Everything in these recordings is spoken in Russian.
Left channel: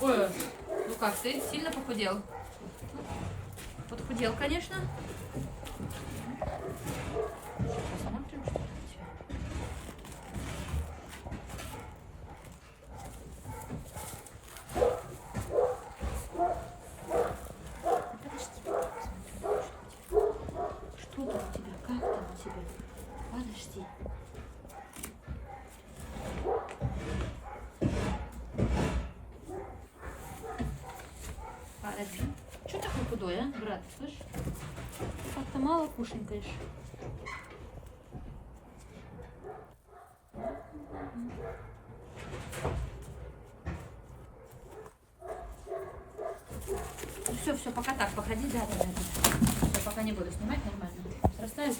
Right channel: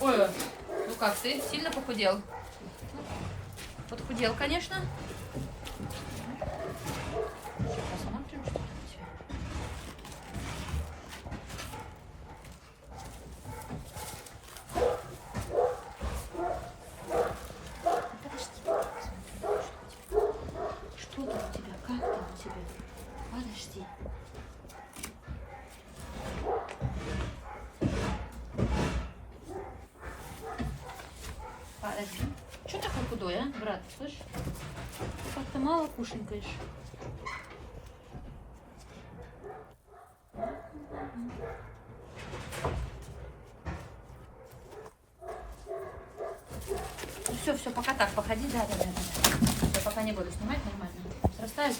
Ой. Ну как, ты сильно похудел? Подхудел, конечно. Что там у тебя? Как там у тебя? Подожди. Подожди. Что такой худой, а, брат? Слышь? Ты как-то мало кушаешь. Все, пока так, походи, да. Я пока не буду снимать нормально. Расставить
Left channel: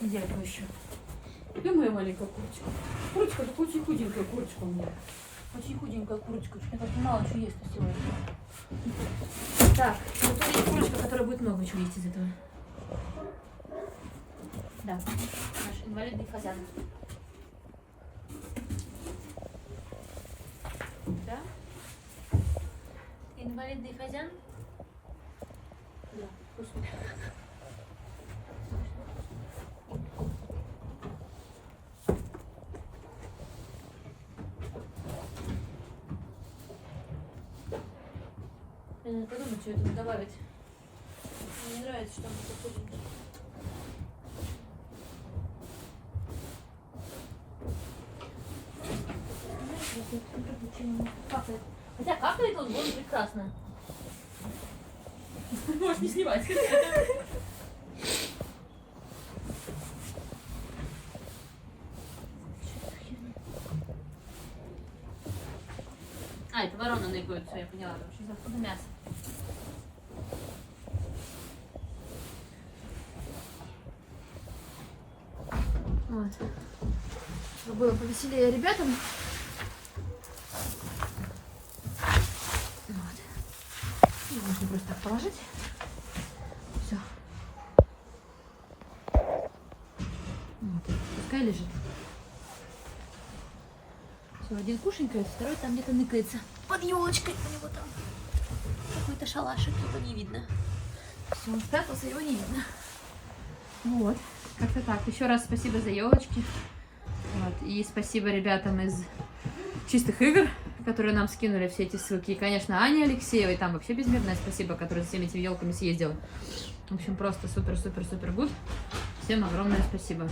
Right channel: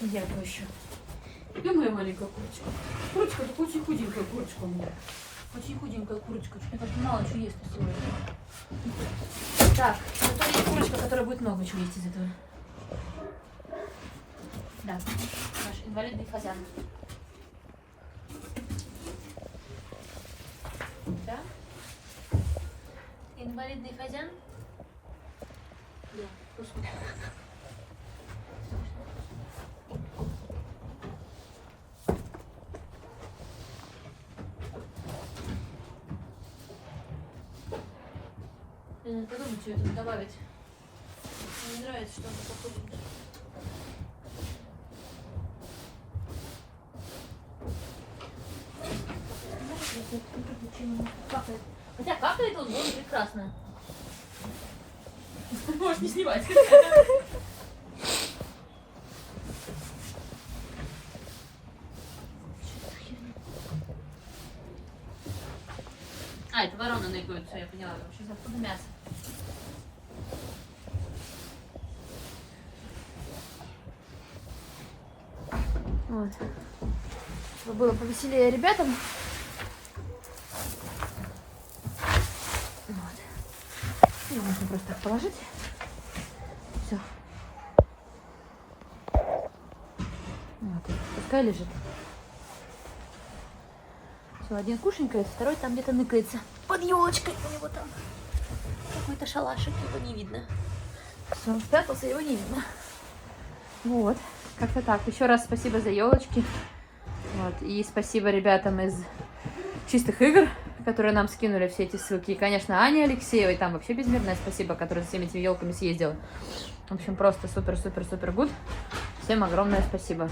яйку еще. Где моя маленькая курочка? Курочка, это очень худенькая курочка у меня. Очень худенькая курочка. Я так мало чего есть сегодня. Так, это есть курочка, которая будет много чего есть из этого. Да, наш инвалидный фазан. Да? Инвалидный фазан? Да, вкусно. Я надо подумать, что это добавить. Мне нравится, что оно похуденькое. Капает. Хотя капает он будет прекрасно. Можешь не снимать. А, это ворона ныкает, все, я поняла. Что за мясо? Вот. Чтобы было повеселее ребятам. Вот. Ее можно просто так положить. Все. Вот. Пускай лежит. Все, один кушенькает, второй там где-то ныкается. Под елочкой у него там. Какой-то шалашик, его не видно. Все, он спрятался, его не видно. Вот. Как-то так. Еще раз спасибо за елочки. Вот. И спасибо ребятам из Чистых игр, которые нам скинули все эти ссылки. И, конечно, Ане Алексеевой, там вообще безмерное спасибо, которая за всеми этими елками съездила. В общем, просто супер-супер-супер гуд. Всем огромное спасибо.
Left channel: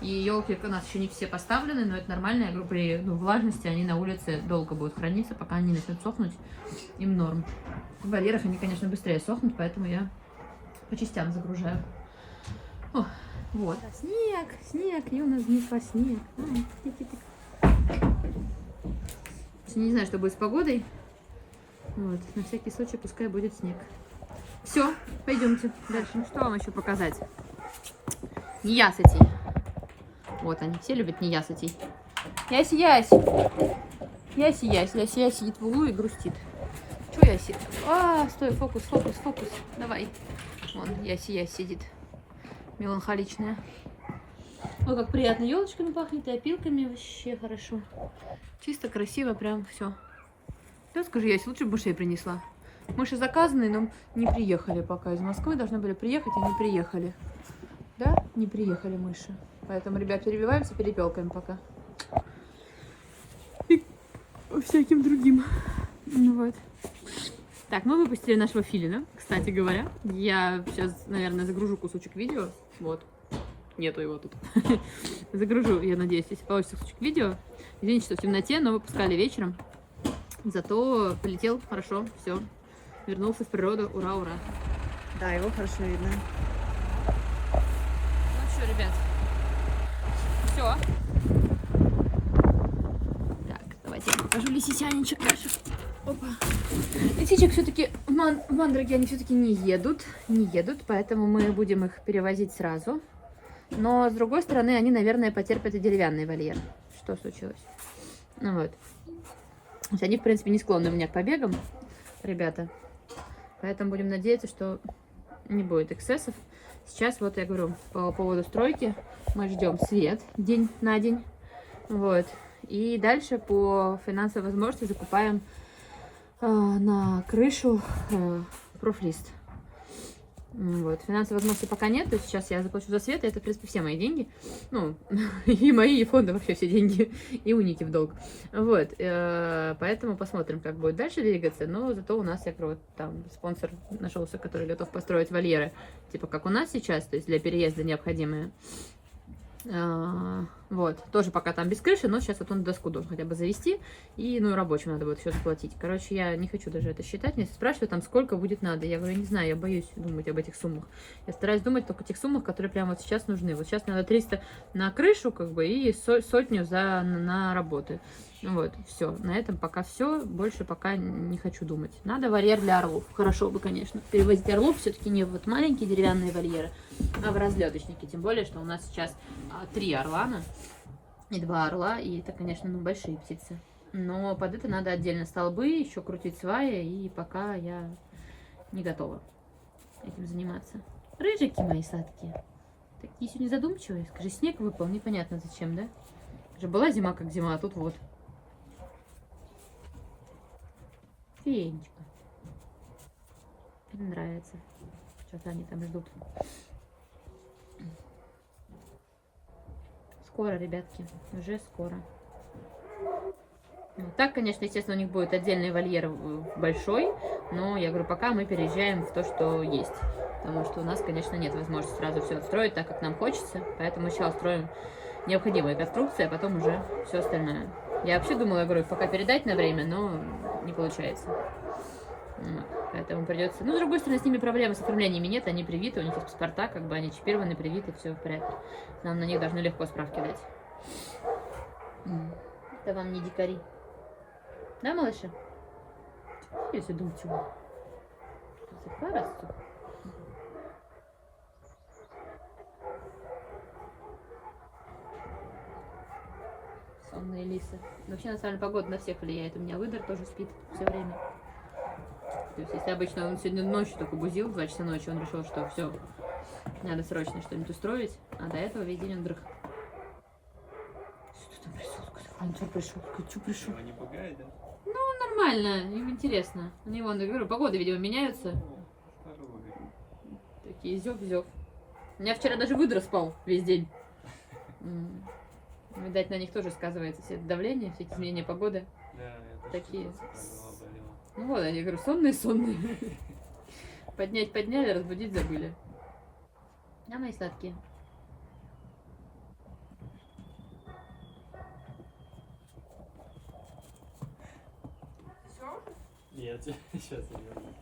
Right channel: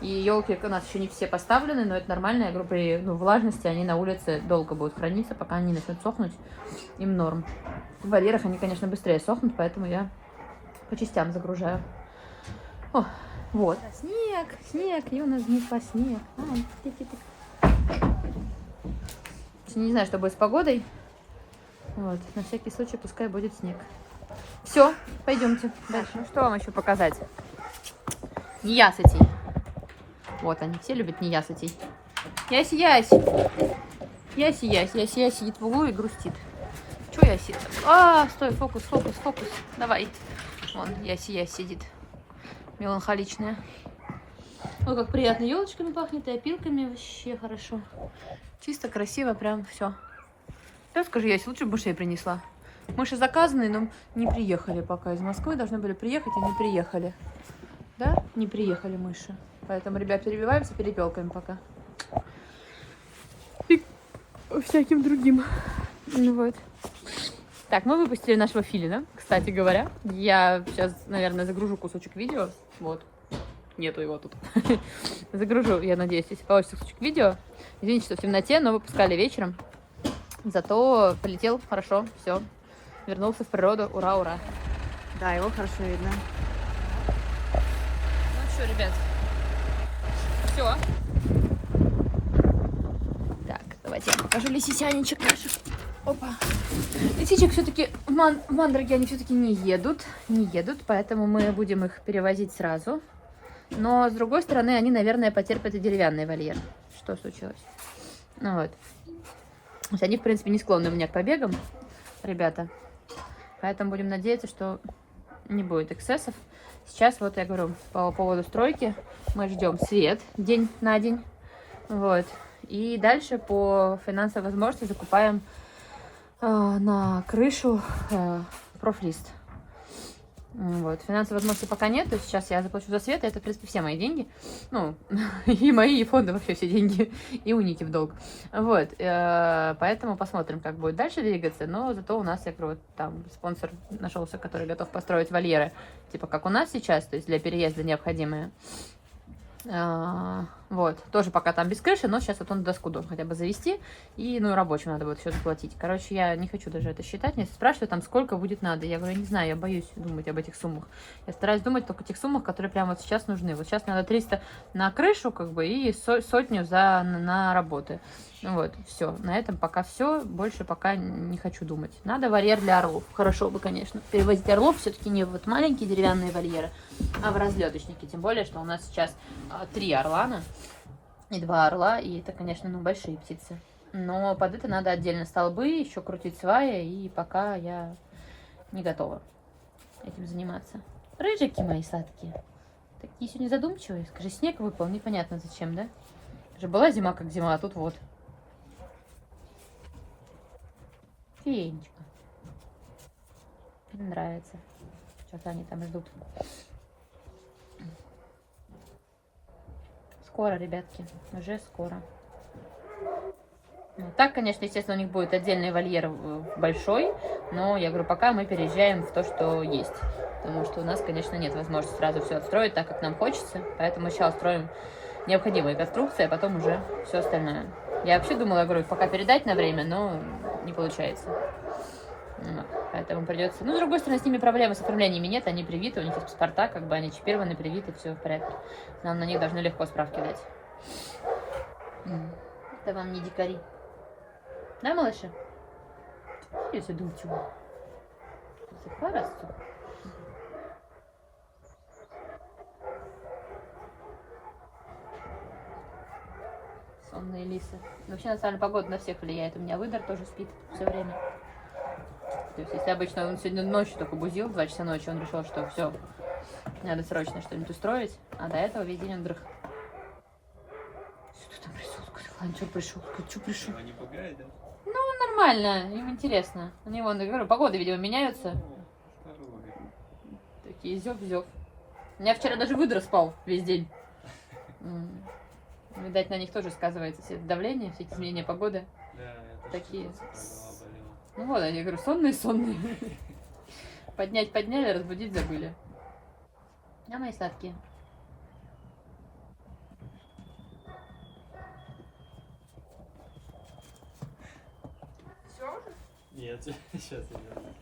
И елки у нас еще не все поставлены, но это нормальная группа влажности. Они на улице долго будут храниться, пока они начнут сохнуть. Им норм. В вольерах они, конечно, быстрее сохнут, поэтому я по частям загружаю. О, вот. Снег, Юна занесла снег. Не знаю, что будет с погодой. Вот, на всякий случай пускай будет снег. Все, пойдемте дальше. Что вам еще показать? Неясытей. Вот они, все любят неясытей. Яси сидит в углу и грустит. Че Яси? Стой, фокус. Давай. Вон, Яси сидит. Меланхоличная. Ой, как приятно елочками пахнет и опилками. Вообще хорошо. Чисто, красиво, прям все. Да, скажи, Ясь, лучше бы мышей принесла. Мыши заказанные, но не приехали пока. Из Москвы должны были приехать, и не приехали. Да? Не приехали мыши. Поэтому, ребят, перебиваемся перепелками пока. И всяким другим. Ну вот. Так, мы выпустили нашего филина, кстати говоря. Я сейчас, наверное, загружу кусочек видео. Вот. Нету его тут. Загружу, я надеюсь, если получится кусочек видео. Извините, что в темноте, но выпускали вечером. Зато полетел хорошо, все. Вернулся в природу, ура, ура. Да, его хорошо видно. Ну что, ребят. Все. Так, давайте я покажу лисичанечек наших. Опа. Лисичек все-таки в Мандраги они все-таки не едут, поэтому мы будем их перевозить сразу. Но, с другой стороны, они, наверное, потерпят и деревянный вольер. Что случилось? Ну вот. То есть они, в принципе, не склонны у меня к побегам, ребята. Поэтому будем надеяться, что не будет эксцессов. Сейчас, вот я говорю, по поводу стройки, мы ждем свет день на день. Вот. И дальше по финансовой возможности закупаем на крышу профлист. Вот. Финансовой возможности пока нет, то есть сейчас я заплачу за свет, и это, в принципе, все мои деньги. Ну, и мои, и фонды, вообще все деньги, и у Ники в долг. Вот, поэтому посмотрим, как будет дальше двигаться, но зато у нас, я говорю, вот там спонсор нашелся, который готов построить вольеры, типа как у нас сейчас, то есть для переезда необходимые. Вот, тоже пока там без крыши, но сейчас вот он доску должен хотя бы завести, и, ну, и рабочим надо будет все заплатить. Короче, я не хочу даже это считать, мне спрашивают там, сколько будет надо. Я говорю, я не знаю, я боюсь думать об этих суммах. Я стараюсь думать только о тех суммах, которые прямо вот сейчас нужны. Вот сейчас надо 300 на крышу, как бы, и сотню на работы. Вот, все, на этом пока все, больше пока не хочу думать. Надо вольер для орлов, хорошо бы, конечно, перевозить орлов все-таки не в вот маленькие деревянные вольеры, а в разлеточники, тем более, что у нас сейчас 3 орлана и 2 орла, и это, конечно, ну, большие птицы. Но под это надо отдельно столбы, еще крутить сваи, и пока я не готова этим заниматься. Рыжики мои сладкие, такие сегодня задумчивые. Скажи, снег выпал, непонятно зачем, да? Же была зима как зима, а тут вот. Феечка. Мне нравится. Что-то они там ждут. Скоро, ребятки, уже скоро. Вот так, конечно, естественно, у них будет отдельный вольер большой, но я говорю, пока мы переезжаем в то, что есть. Потому что у нас, конечно, нет возможности сразу все отстроить так, как нам хочется. Поэтому сейчас строим необходимые конструкции, а потом уже все остальное. Я вообще думала, я говорю, пока передать на время, но не получается. Поэтому придется... Ну, с другой стороны, с ними проблемы с оформлениями нет, они привиты, у них есть паспорта, как бы они чипированы, привиты, все в порядке. Нам на них должны легко справки дать. Это вам не дикари. Да, малыши? Я задумчиво. Порасту. Сонные лисы. Вообще, на самом деле, погода на всех влияет. У меня выдор тоже спит все время. То есть, если обычно он сегодня ночью только бузил, 2 часа ночи, он решил, что все, надо срочно что-нибудь устроить, а до этого весь день он дрых. Что там пришел? Ладно, что пришел? Что пришел? Его не пугает, да? Ну, нормально, им интересно. Они, вон, я говорю, погоды, видимо, меняются. Такие зёб-зёб. У меня вчера даже выдра спал весь день. Видать, на них тоже сказывается все это давление, все эти изменения погоды. Да, это такие. что-то болело. Ну вот они, я говорю, сонные. Поднять подняли, разбудить забыли. А мои сладкие. Нет, сейчас я верну.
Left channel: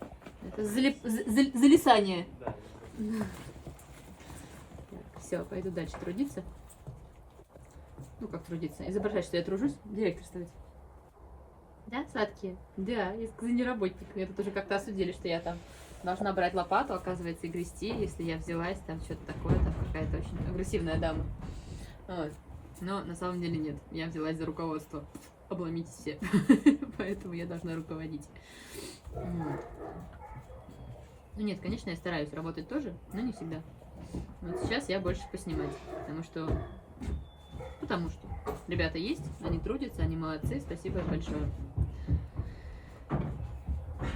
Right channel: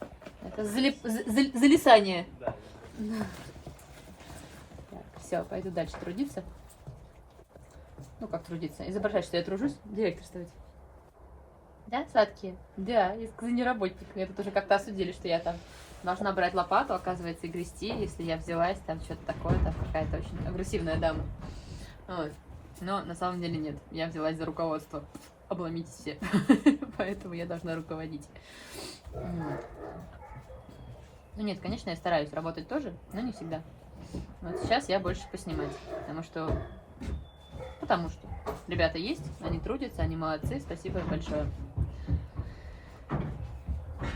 Это залисание. Да. Все, пойду дальше трудиться. Ну как трудиться? Изображать, что я тружусь, директорствовать. Да, сладкие? Да, я не работник. Меня тут уже как-то осудили, что я там должна брать лопату, оказывается, и грести, если я взялась, там что-то такое, там какая-то очень агрессивная дама. Вот. Но на самом деле нет, я взялась за руководство. Обломитесь все. Поэтому я должна руководить. Ну нет, конечно, я стараюсь работать тоже, но не всегда. Вот сейчас я больше поснимать, потому что ребята есть, они трудятся, они молодцы, спасибо им большое.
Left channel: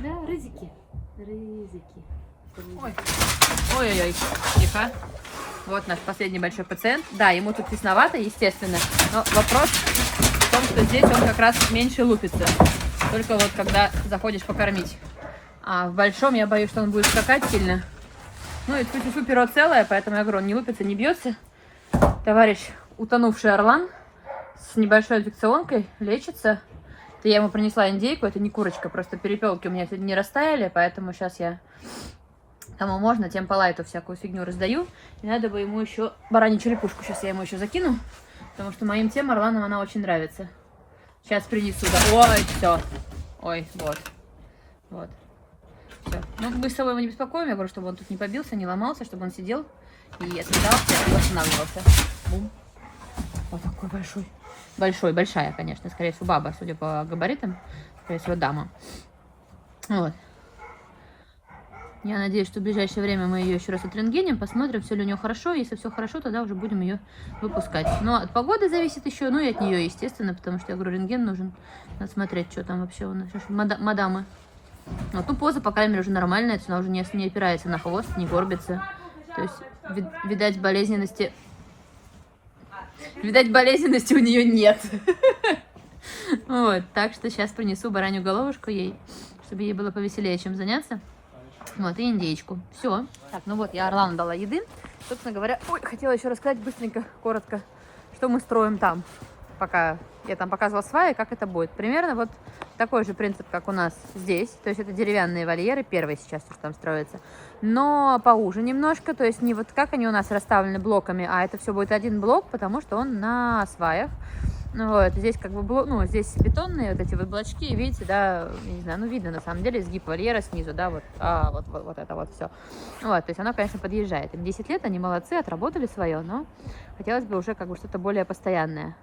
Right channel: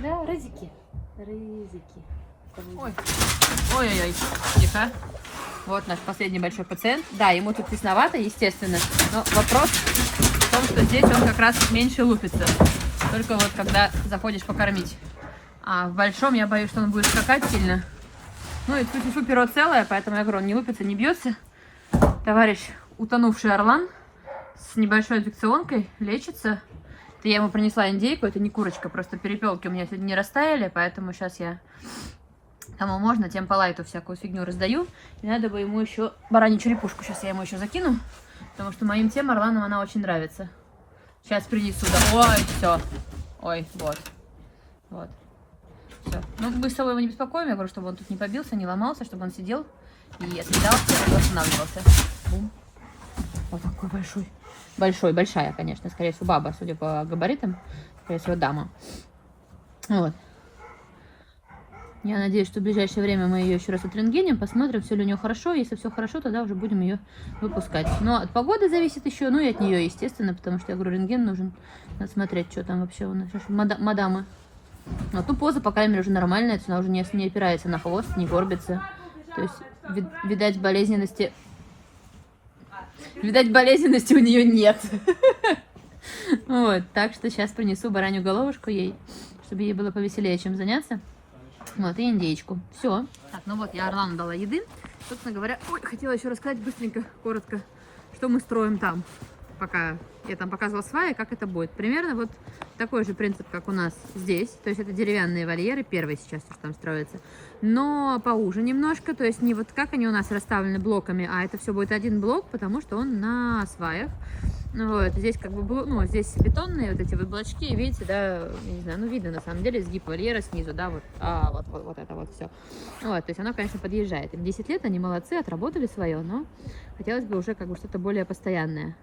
Да, рызики. Ой-ой-ой, тихо. Вот наш последний большой пациент. Да, ему тут тесновато, естественно, но вопрос в том, что здесь он как раз меньше лупится. Только вот когда заходишь покормить. А в большом я боюсь, что он будет скакать сильно. Ну и тьфу-тьфу, перо целое, поэтому я говорю, он не лупится, не бьется. Товарищ, утонувший орлан с небольшой инфекционкой, лечится. Это я ему принесла индейку, это не курочка, просто перепелки у меня сегодня не растаяли, поэтому сейчас я кому можно, тем по лайту всякую фигню раздаю. И надо бы ему еще баранью черепушку, сейчас я ему еще закину, потому что моим тем орланам она очень нравится. Сейчас принесу. Ой, все. Ой, вот. Вот. Все. Ну, мы с собой его не беспокоим, я говорю, чтобы он тут не побился, не ломался, чтобы он сидел и отъедался, и восстанавливался. Вот такой большой. Большая, конечно, скорее всего, баба, судя по габаритам, скорее всего, дама. Вот. Я надеюсь, что в ближайшее время мы ее еще раз отрентгеним, посмотрим, все ли у нее хорошо. Если все хорошо, тогда уже будем ее выпускать. Но от погоды зависит еще, ну и от нее, естественно, потому что, я говорю, рентген нужен. Надо смотреть, что там вообще у нас. Мадама. Вот, ну, поза, по крайней мере, уже нормальная, то есть она уже не опирается на хвост, не горбится. То есть, видать, болезненности у нее нет. Вот, так что сейчас принесу баранью головушку ей, чтобы ей было повеселее, чем заняться. Вот, и индейку. Все. Так, ну вот, я Орлану дала еды. Собственно говоря, ой, хотела еще рассказать быстренько, коротко, что мы строим там. Пока я там показывала сваи, как это будет. Примерно вот такой же принцип, как у нас здесь. То есть это деревянные вольеры, первые сейчас, что там строятся. Но поуже немножко, то есть не вот как они у нас расставлены блоками, а это все будет один блок, потому что он на сваях. Вот, здесь как бы, ну, здесь бетонные вот эти вот блочки, видите, да, не знаю, ну, видно на самом деле изгиб вольера снизу, да, вот, вот это вот все. Вот, то есть оно, конечно, подъезжает. Им 10 лет, они молодцы, отработали свое, но хотелось бы уже как бы что-то более постоянное.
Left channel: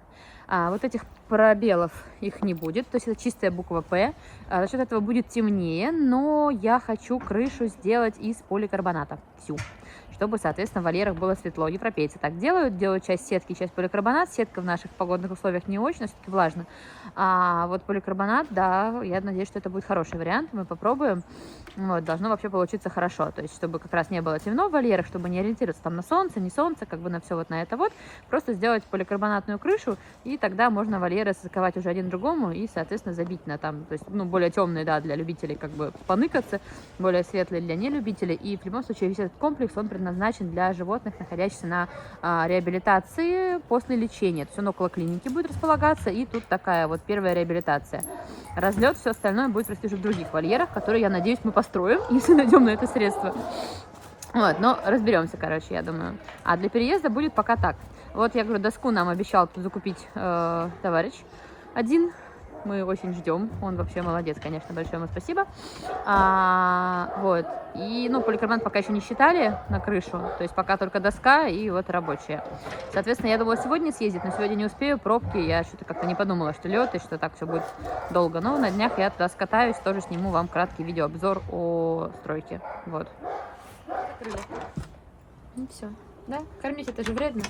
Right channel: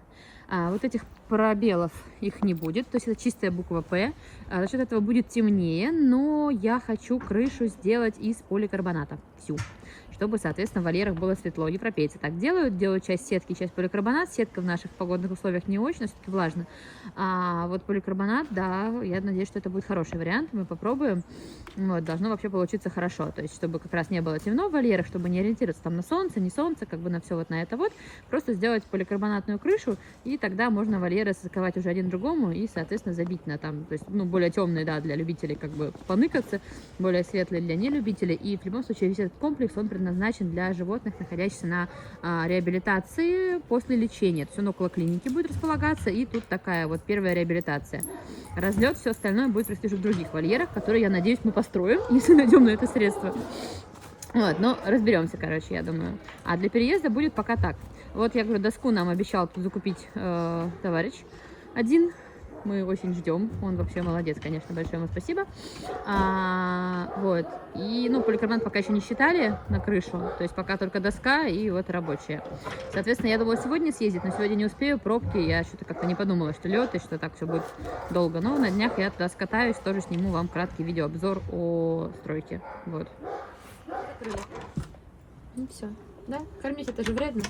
Вот этих пробелов их не будет, то есть это чистая буква П. За счет этого будет темнее, но я хочу крышу сделать из поликарбоната всю, чтобы, соответственно, в вольерах было светло. Европейцы так делают часть сетки, часть поликарбонат. Сетка в наших погодных условиях не очень, но все-таки влажно. А вот поликарбонат, да, я надеюсь, что это будет хороший вариант. Мы попробуем. Вот, должно вообще получиться хорошо. То есть, чтобы как раз не было темно в вольерах, чтобы не ориентироваться там на солнце, не солнце, как бы на все вот на это вот. Просто сделать поликарбонатную крышу, и тогда можно вольеры заковать уже один другому и, соответственно, забить на там, то есть, ну, более темные, да, для любителей как бы поныкаться, более светлые для нелюбителей. И в любом случае весь этот комплекс, он предназначен для животных, находящихся на реабилитации после лечения. То есть он около клиники будет располагаться, и тут такая вот первая реабилитация. Разлет, все остальное будет расти уже в других вольерах, которые, я надеюсь, мы построим, если найдем на это средства. Вот, но разберемся, короче, я думаю. А для переезда будет пока так. Вот, я говорю, доску нам обещал закупить товарищ один. Мы очень ждем. Он вообще молодец, конечно, большое ему спасибо. Вот. И, ну, поликарбонат пока еще не считали на крышу. То есть пока только доска и вот рабочая. Соответственно, я думала сегодня съездить, но сегодня не успею. Пробки. Я что-то как-то не подумала, что лед и что так все будет долго. Но на днях я туда скатаюсь, тоже сниму вам краткий видеообзор о стройке. Вот. Ну все. Да? Кормить это же вредно.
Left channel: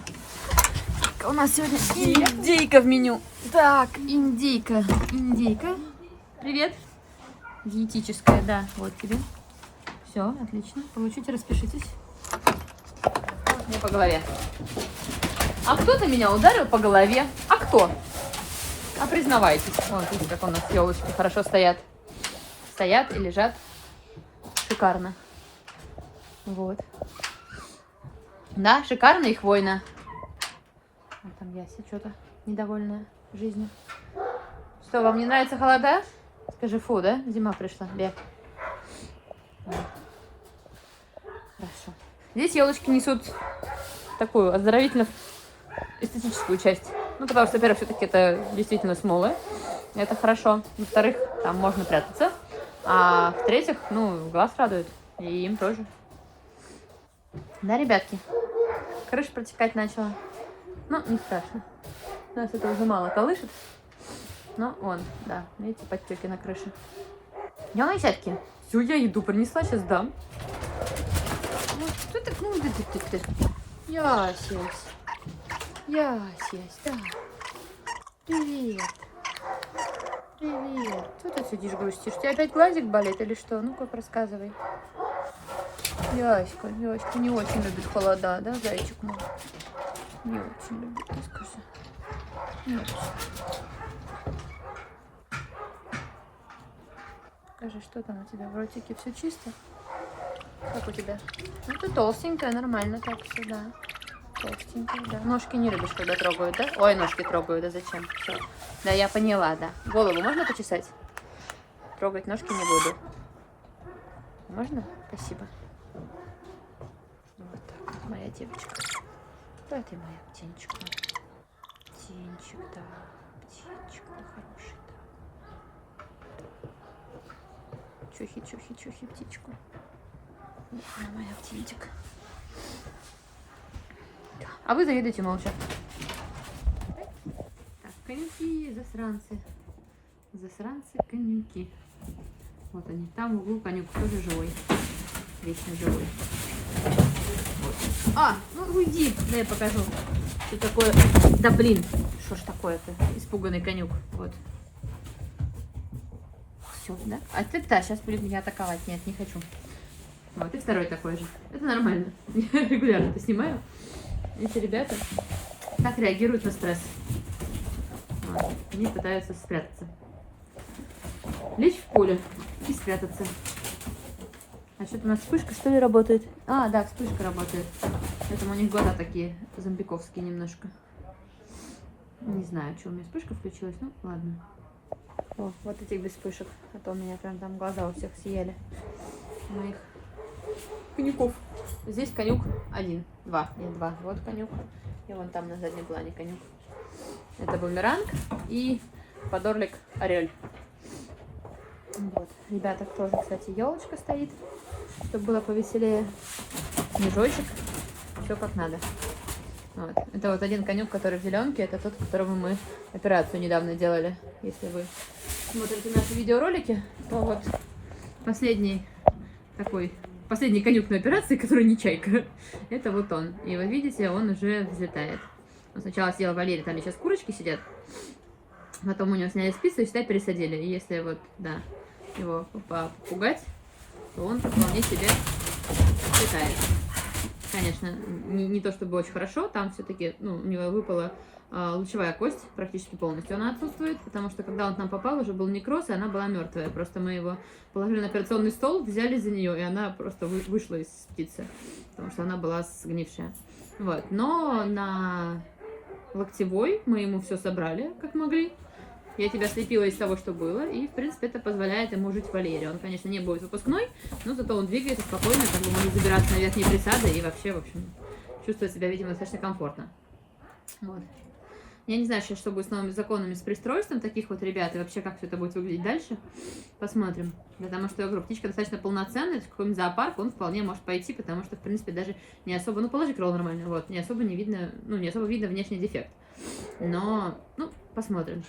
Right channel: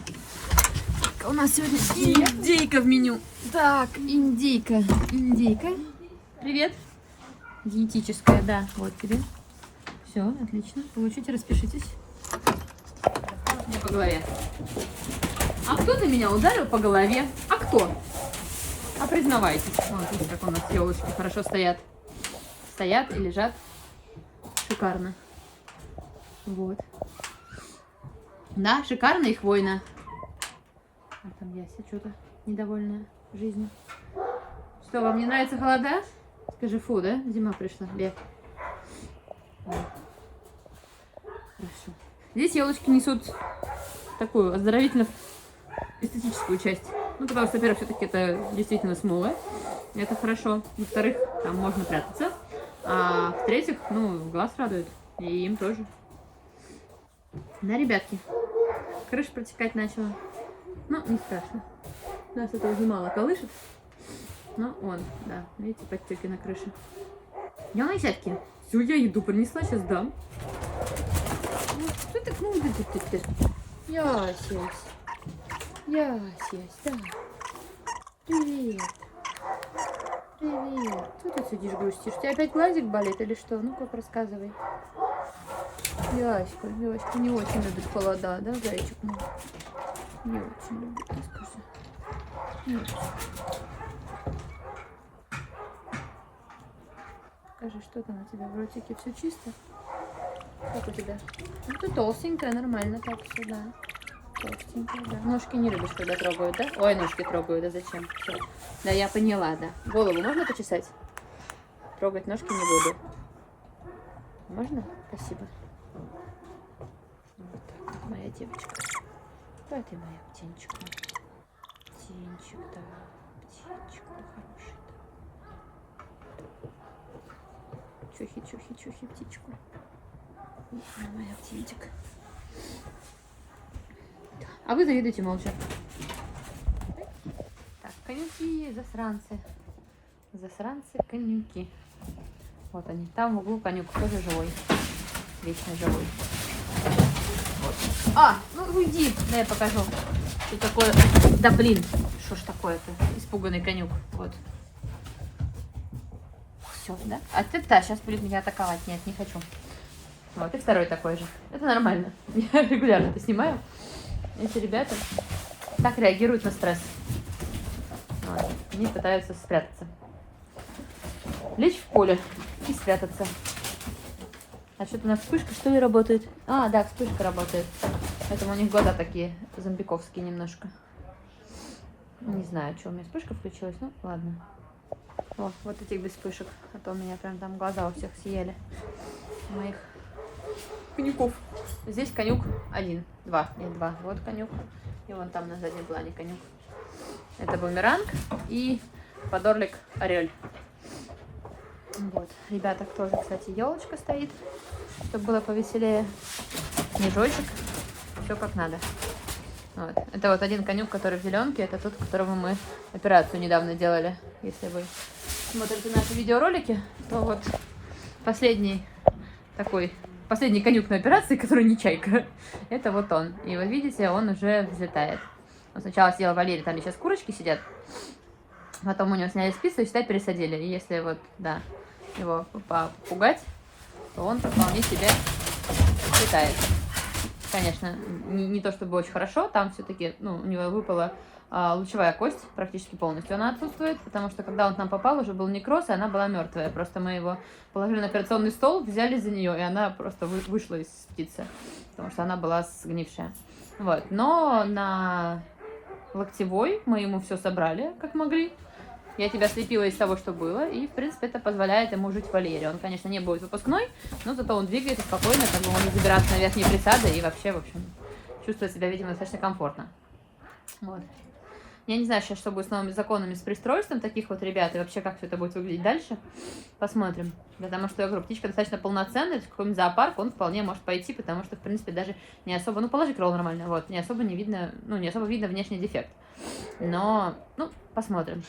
У нас сегодня индейка в меню. Так, индейка. Индейка. Привет. Диетическая, да. Вот тебе. Все, отлично. Получите, распишитесь. Мне по голове. А кто-то меня ударил по голове. А кто? А признавайтесь. Вот, видите, как у нас елочки хорошо стоят. Стоят и лежат. Шикарно. Вот. Да, шикарно и хвойно. А там Яся что-то недовольная жизнью. Что, вам не нравятся холода? Скажи, фу, да? Зима пришла. Бег. Хорошо. Здесь елочки несут такую оздоровительно-эстетическую часть. Ну, потому что, во-первых, все-таки это действительно смолы. Это хорошо. Во-вторых, там можно прятаться. А в-третьих, ну, глаз радует. И им тоже. Да, ребятки? Крыша протекать начала. Ну, не страшно. Нас это уже мало колышет. Но он, да, видите, подтеки на крыше. Я на сетке. Все, я еду принесла, сейчас дам. Что так? Ясесь. Ясесь, да. Привет. Привет. Что ты сидишь грустишь? У тебя опять глазик болит или что? Ну-ка, рассказывай. Яська не очень любит холода, да, зайчик мой? Не очень любит, скажи. Не очень. Скажи, что там у тебя в ротике? Все чисто? Как у тебя? Ну, ты толстенькая, нормально так все, да. Толстенькая, да. Ножки не любишь, когда трогают, да? Ой, ножки трогаю, да зачем? Все. Да, я поняла, да. Голову можно почесать? Трогать ножки не буду. Можно? Спасибо. Вот так вот, моя девочка. Кто это моя птенчик? Птенчик, да. Птенчик, да, хороший, да. Чухи, птичку. Моя птенчик. Да. А вы завидуете молча. Так, конюки, засранцы. Засранцы, конюки. Вот они. Там в углу конюк тоже живой. Вечно живой. Вот. А, ну уйди, да я покажу. Что такое? Да блин, что ж такое-то? Испуганный конюк. Вот. Все, да? А ты-то сейчас будет меня атаковать. Нет, не хочу. Вот, и второй такой же. Это нормально. Я регулярно это снимаю. Эти ребята так реагируют на стресс. Вот. Они пытаются спрятаться. Лечь в поле и спрятаться. А что-то у нас вспышка, что ли, работает? А, да, вспышка работает. Поэтому у них глаза такие зомбиковские немножко. Не знаю, что у меня вспышка включилась. Ну, ладно. О, вот этих без вспышек. А то у меня прям там глаза у всех съели. Моих конюков. Здесь конюк один. Два. Нет, два. Вот конюк. И вон там на заднем плане конюк. Это бумеранг и подорлик орель. Вот. Ребята, тоже, кстати, елочка стоит, чтобы было повеселее. Снежочек. Все как надо. Вот. Это вот один конюк, который в зеленке. Это тот, которого мы операцию недавно делали. Если вы смотрите наши видеоролики, то вот последний конюк на операции, который не чайка. Это вот он. И вы видите, он уже взлетает. Он сначала съел Валерий, там сейчас курочки сидят. Потом у него сняли спицы и, считай, пересадили. И если вот, да, его попугать, то он вполне себе летает. Конечно, не то чтобы очень хорошо, там все-таки, ну, у него выпала лучевая кость практически полностью. Она отсутствует, потому что когда он к нам попал, уже был некроз, и она была мертвая. Просто мы его положили на операционный стол, взяли за нее, и она просто вышла из птицы, потому что она была сгнившая. Вот. Но на локтевой мы ему все собрали, как могли. Я тебя слепила из того, что было, и, в принципе, это позволяет ему жить в вольере. Он, конечно, не будет выпускной, но зато он двигается спокойно, как бы он не забирается на верхние присады и вообще, в общем, чувствует себя, видимо, достаточно комфортно. Вот. Я не знаю сейчас, что будет с новыми законами, с пристройством таких вот ребят, и вообще, как все это будет выглядеть дальше. Посмотрим. Потому что, я говорю, птичка достаточно полноценная, в какой-нибудь зоопарк он вполне может пойти, потому что, в принципе, даже не особо, ну, положи крыло нормально, вот, не особо видно внешний дефект. Но, ну, посмотрим.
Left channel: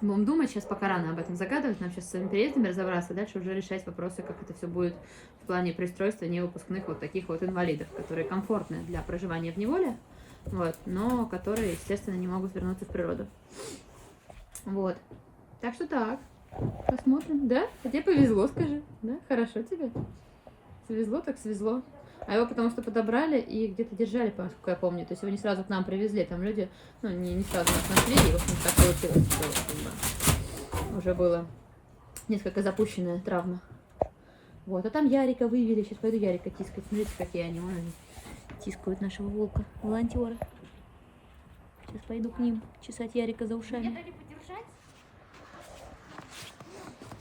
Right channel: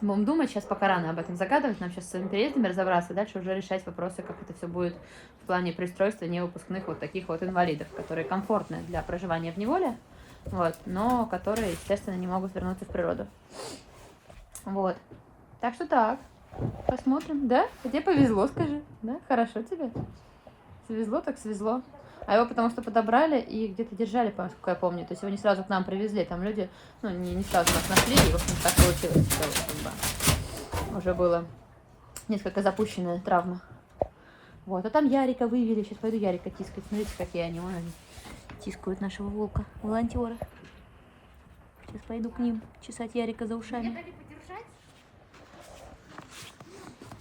Будем думать, сейчас пока рано об этом загадывать, нам сейчас с своими переездами разобраться, дальше уже решать вопросы, как это все будет в плане пристройства невыпускных вот таких вот инвалидов, которые комфортны для проживания в неволе, вот, но которые, естественно, не могут вернуться в природу. Вот. Так что так. Посмотрим. Да? Тебе повезло, скажи. Да? Хорошо тебе. Свезло, так свезло. А его потому что подобрали и где-то держали, насколько я помню. То есть его не сразу к нам привезли. Там люди, ну, не сразу нас нашли. И, в общем, так получилось, что уже было несколько запущенная травма. Вот. А там Ярика вывели. Сейчас пойду Ярика тискать. Смотрите, какие они. Вон они тискают нашего волка. Волонтеры. Сейчас пойду к ним чесать Ярика за ушами.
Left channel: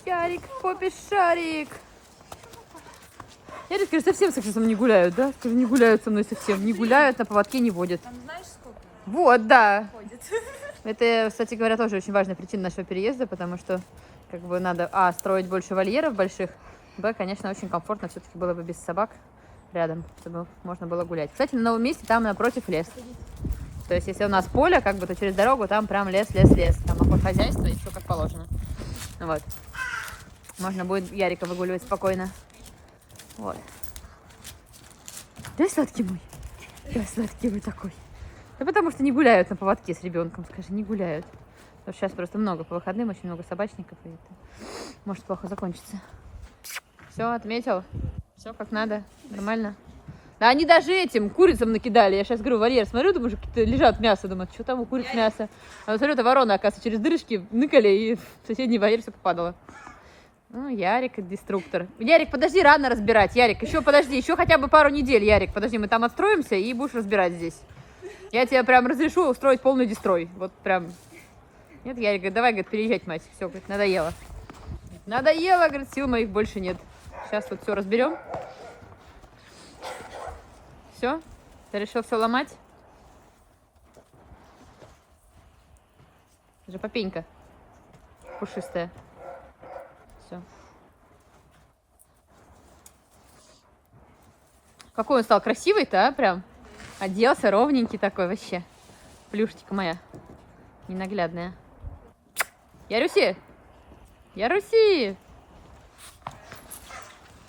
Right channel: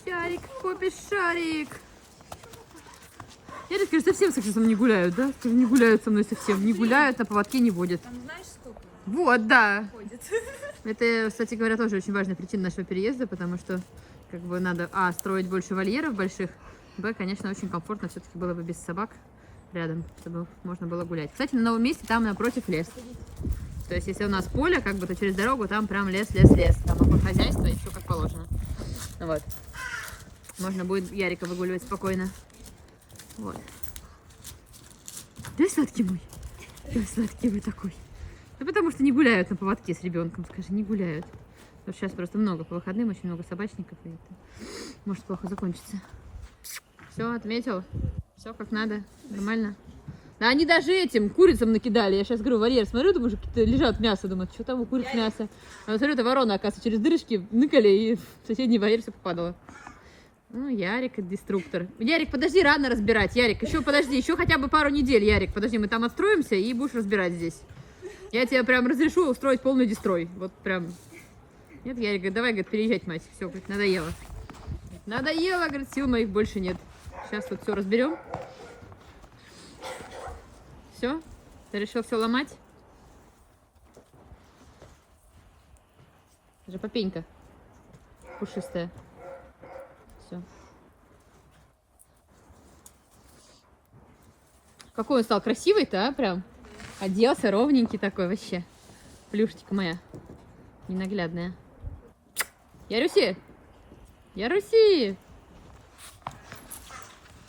Ярик, попишь шарик. Я скажу, совсем с сексом не гуляют, да? Скажу, не гуляют со мной совсем. Не гуляют, на поводке не водят. Там знаешь сколько? Вот, да. Ходит. Это, кстати говоря, тоже очень важная причина нашего переезда, потому что как бы надо, строить больше вольеров больших, конечно, очень комфортно все-таки было бы без собак рядом, чтобы можно было гулять. Кстати, на новом месте там напротив лес. То есть, если у нас поле, как бы, то через дорогу там прям лес. Там хозяйство и все как положено. Вот. Можно будет Ярика выгуливать спокойно. Вот. Да, сладкий мой. Да, сладкий вы такой. Да потому что не гуляют на поводке с ребенком, скажи, не гуляют. Потому что сейчас просто много по выходным, очень много собачников, и это может плохо закончиться. Все, отметил? Все как надо? Нормально? Да они даже этим курицам накидали. Я сейчас говорю, вольер, смотрю, думаю, что лежат мясо, думаю, что там у куриц мясо. А смотрю, это ворона, оказывается, через дырочки ныкали, и в соседний вольер все попадало. Ну, Ярик, деструктор. Ярик, подожди, рано разбирать. Ярик, еще подожди, еще хотя бы пару недель, Ярик. Подожди, мы там отстроимся и будешь разбирать здесь. Я тебе прям разрешу устроить полный дестрой. Вот прям. Нет, Ярик говорит, давай, говорит, переезжать, мать. Все, говорит, надоело. Надоело, говорит, сил моих больше нет. Сейчас вот все разберем. Все? Ты решил все ломать? Это же попенька пушистая. Все. Какой он стал красивый-то, а? Прям оделся ровненький такой вообще. Плюшечка моя ненаглядная. Яруси! Яруси!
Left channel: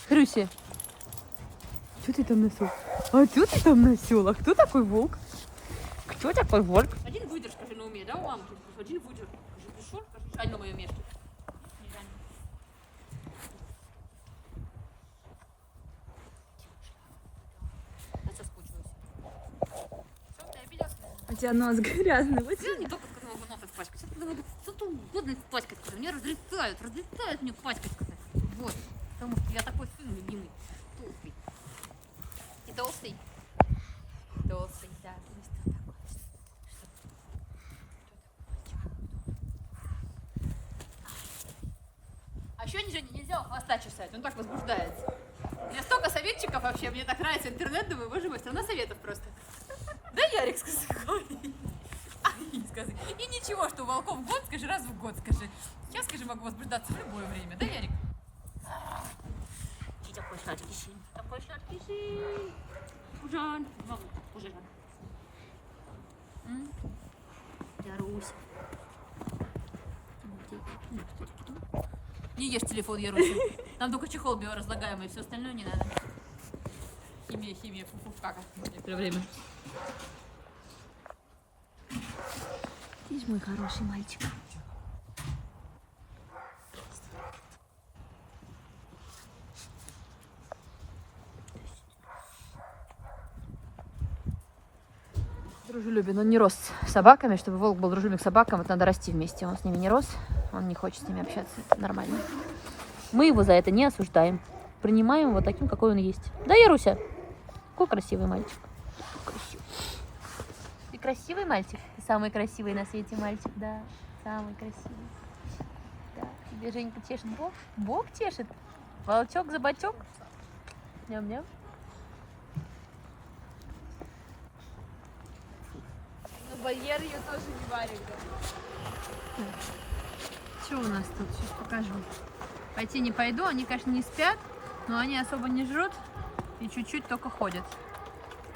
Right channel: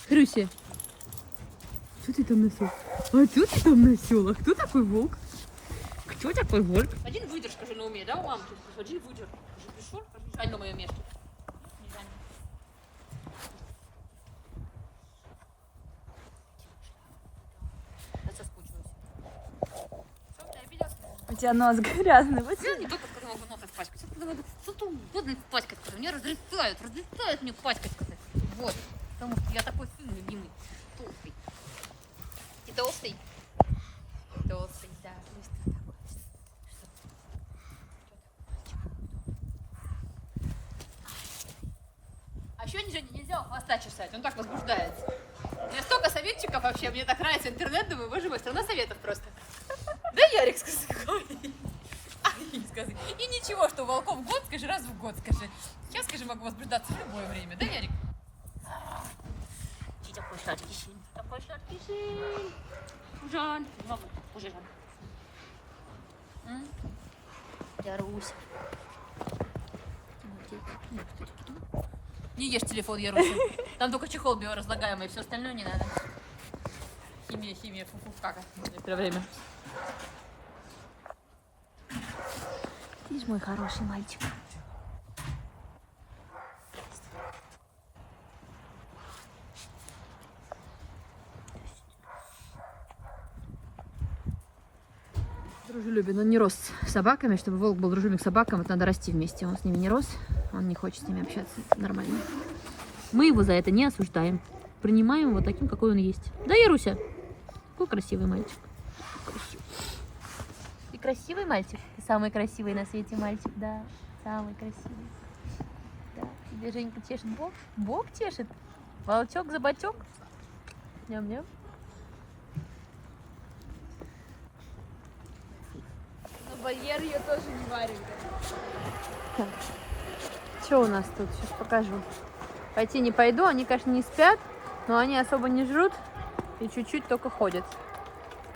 Хрюси! что ты там насел? А что ты там насел? А кто такой волк? Кто такой волк? Один выдержка же на уме, да, у мамы? Один выдержка. Пришел, на мое место. Я соскучилась. Всё, ты обиделась? У тебя нос грязный. Вот Я не только сказала, что нос испачкать. Что-то угодно испачкать, скажи. Меня разлетают мне пачкать, сказать. Вот. Потому что я такой сын любимый. Толстый. Ты толстый? Толстый, да. А еще нельзя у хвоста чесать, он так возбуждается. У меня столько советчиков вообще, мне так нравится интернет, думаю, боже мой, страна советов просто. Да, Ярик, скажи, какой? Скажи. И ничего, что у волков год, скажи, раз в год, скажи. Сейчас, скажи, могу возбуждаться в любое время, да, Ярик? Ты такой сладкий сын, такой сладкий сын. Жан, мама, уже Жан. Ярусь. Не ешь телефон, Яруся. Там только чехол биоразлагаемый, все остальное не надо. Химия, фу-фу, кака. Некоторое время. Ты ж мой хороший мальчик. Дружелюбен. Он не рос с собаками, чтобы волк был дружелюбен к собакам, это надо расти вместе. Он с ними не рос, он не хочет с ними общаться. Это нормально. Мы его за это не осуждаем. Принимаем его таким, какой он есть. Да, Яруся? Какой красивый мальчик. Красивый. Ты красивый мальчик? Ты самый красивый на свете мальчик, да. Самый красивый. Да. Тебе Женька чешет бок? Бок чешет? Волчок за бочок? Ням-ням. Барьер я тоже не варю. Что у нас тут? Сейчас покажу. Пойти не пойду. Они, конечно, не спят, но они особо не жрут и чуть-чуть только ходят.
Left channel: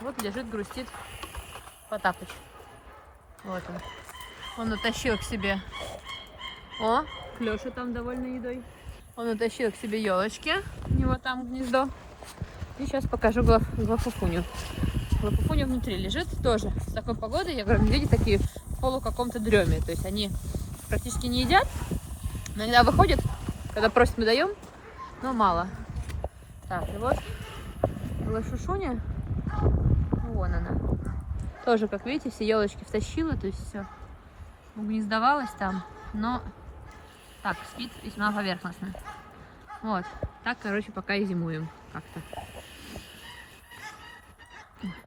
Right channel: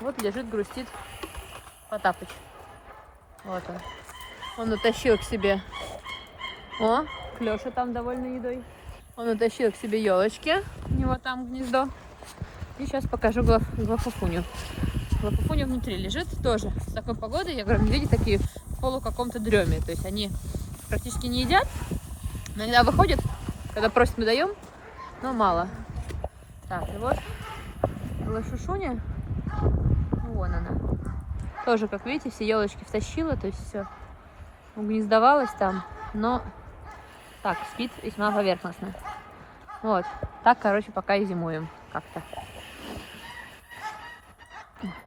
Вот лежит, грустит Потапыч. Вот он. Он утащил к себе. О, Клёша там довольна едой. Он утащил к себе елочки. У него там гнездо. И сейчас покажу Глафуфуню. Глафуфуня внутри лежит тоже. С такой погодой, я говорю, медведи такие в полу каком-то дреме. То есть они практически не едят, но иногда выходят, когда просят, мы даем, но мало. Так, и вот Глашушуня, вон она. Тоже, как видите, все елочки втащила, то есть все угнездовалась там, но так, спит весьма поверхностно. Вот, так, короче, пока и зимуем как-то.